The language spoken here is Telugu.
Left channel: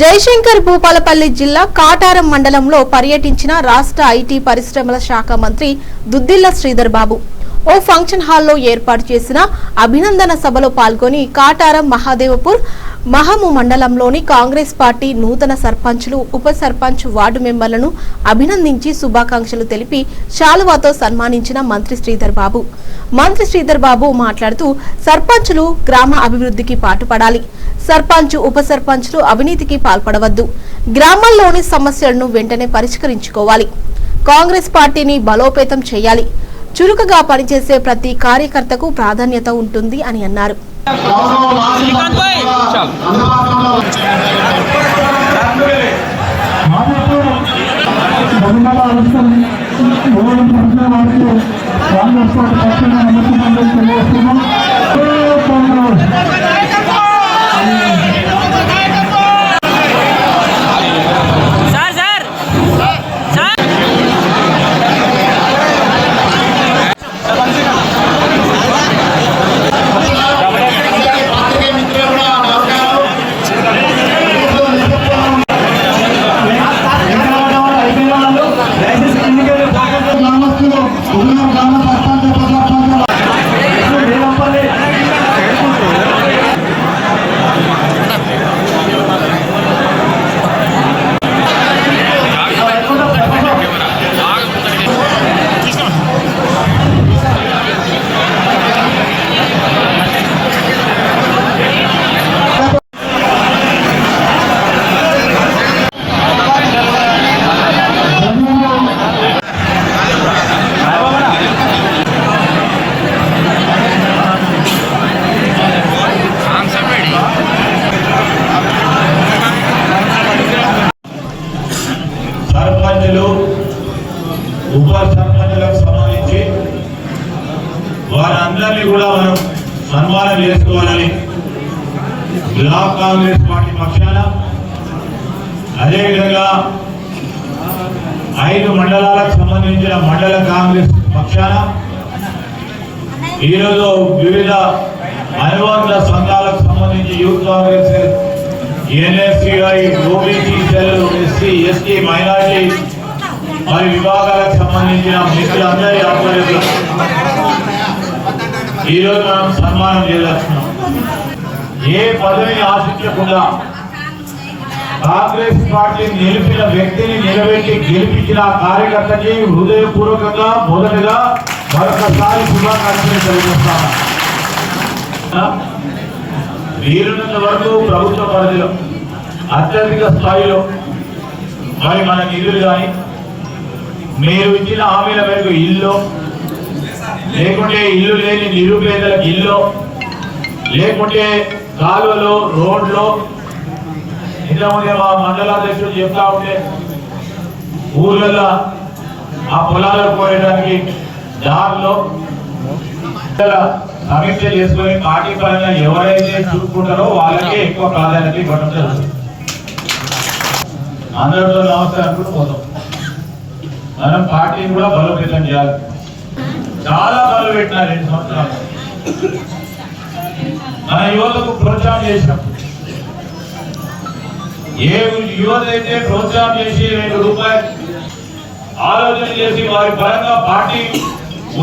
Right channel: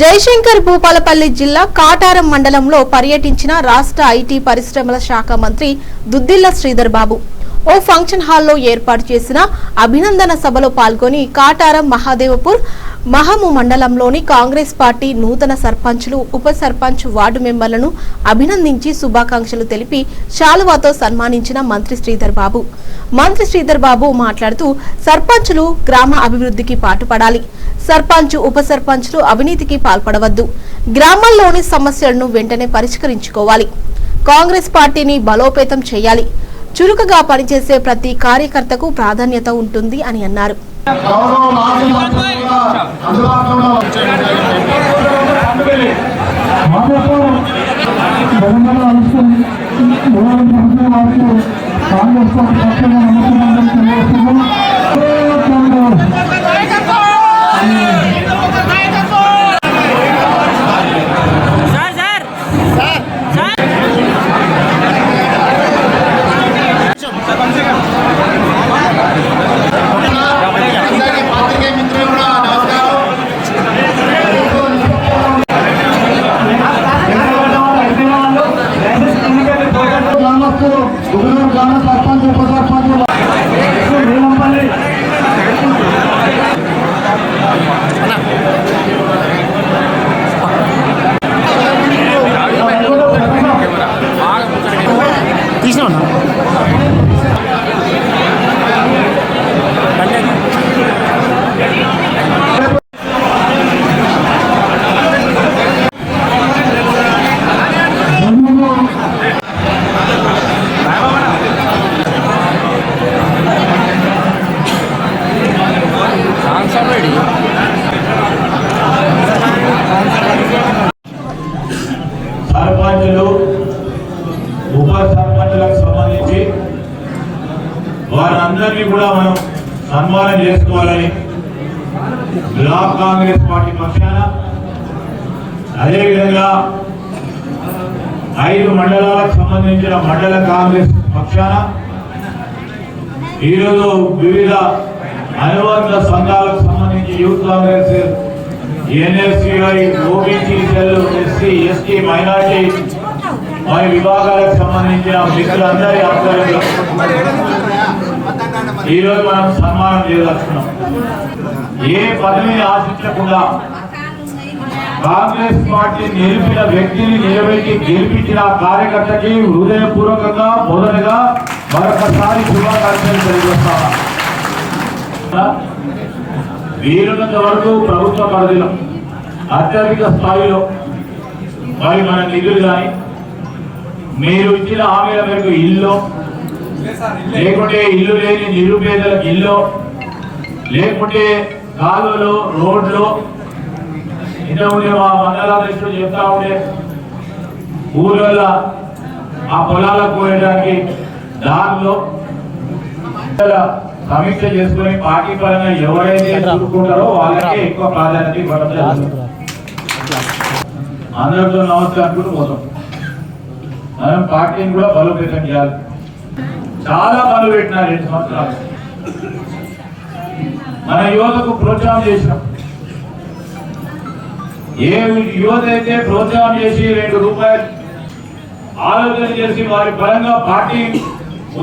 జయశంకర్ భూపాలపల్లి జిల్లా కాటారం మండలంలో పర్యటించిన రాష్ట్ర ఐటీ పరిశ్రమల శాఖ మంత్రి దుద్దిల్ల శ్రీధర్ బాబు. ఓ ఫంక్షన్ హాల్లో ఏర్పాటు చేసిన అభినందన సభలో పాల్గొని కాటారం మహాదేవపూర్ మహము మండలంలోని కాంగ్రెస్ పార్టీ నూతన సర్పంచులు ఉప సర్పంచ్ వార్డు మెంబర్లను అభినందించి శుభాకాంక్షలు తెలిపి శాలువాతో సన్మానించిన మంత్రి శ్రీధర్ బాబు. మంత్రి శ్రీధర్ బాబు మాట్లాడుతూ సర్పంచ్లు గ్రామ అభివృద్ధికి పాటుపడాలి. సర్పంచ్ ఉప సర్పంచ్లు అవినీతికి పాల్పడవద్దు. గ్రామాల్లోని సమస్యలను వెంటనే పరిష్కరించుకోవాలి. కాంగ్రెస్ పార్టీని బలోపేతం చేయాలి. చురుకుగా పనిచేసే ప్రతి కార్యకర్తకు ప్రాధాన్యత ఉంటుంది అని అన్నారు. సన్మానం చేసుకోవాలని బ్లాక్ కాంగ్రెస్ పార్టీ పక్షాన అదేవిధంగా ఐదు మండలాలకు సంబంధించిన మండల కాంగ్రెస్ పక్షాన ఈరోజు వివిధ అనుబంధ సంఘాలకు సంబంధించి youth Congress NSCI OBC cell SC ST minority మరి విభాగాలకు సంబంధించిన మిత్రులందరి ఆధ్వర్యంలో ఈరోజు మనం సన్మానం చేయదలుచున్నాం ఏ పదవిని ఆశించకుండా కాంగ్రెస్ పార్టీ నిలిపిన వ్యక్తిని నిలబెట్టి గెలిపించిన కార్యకర్తకి హృదయపూర్వకంగా మొదటగా మరొకసారి శుభాకాంక్షలు తెలియజేస్తాను. వీలున్నంత వరకు ప్రభుత్వ పరిధిలో అత్యధిక స్థాయిలో మరి మన నిధులు కానీ మీరు ఇచ్చిన హామీల మేరకు ఇల్లు లేకుంటే ఇల్లు లేని నిరుపేదలకు ఇల్లు లేకుంటే కాలువలు రోడ్లు ఇంత ఉండే మా మండలాధ్యక్షుడు చెప్తా ఉంటే ఊళ్ళలో ఆ పొలాలకు పోయడానికి దారిలో సమీక్ష చేసుకుని పార్టీ పరంగా ఎవరైతే చూసుకుంటారో వాళ్ళకే ఎక్కువ ప్రాధాన్యత ఇవ్వడం జరుగుతుంది. అందరితో నమస్కారం కూడా పోతాం. మనం పార్టీని కూడా బలోపేతం చేయాలి. చాలా పనులు పెట్టినారు రెండు సంవత్సరాలు మన యువతకు ప్రోత్సాహం చేసినాం ఏ యువత అయితే ప్రోత్సాహం చేసి రెండు రూపాయలు ఆలోచన చేసి వారి పరంగా పార్టీ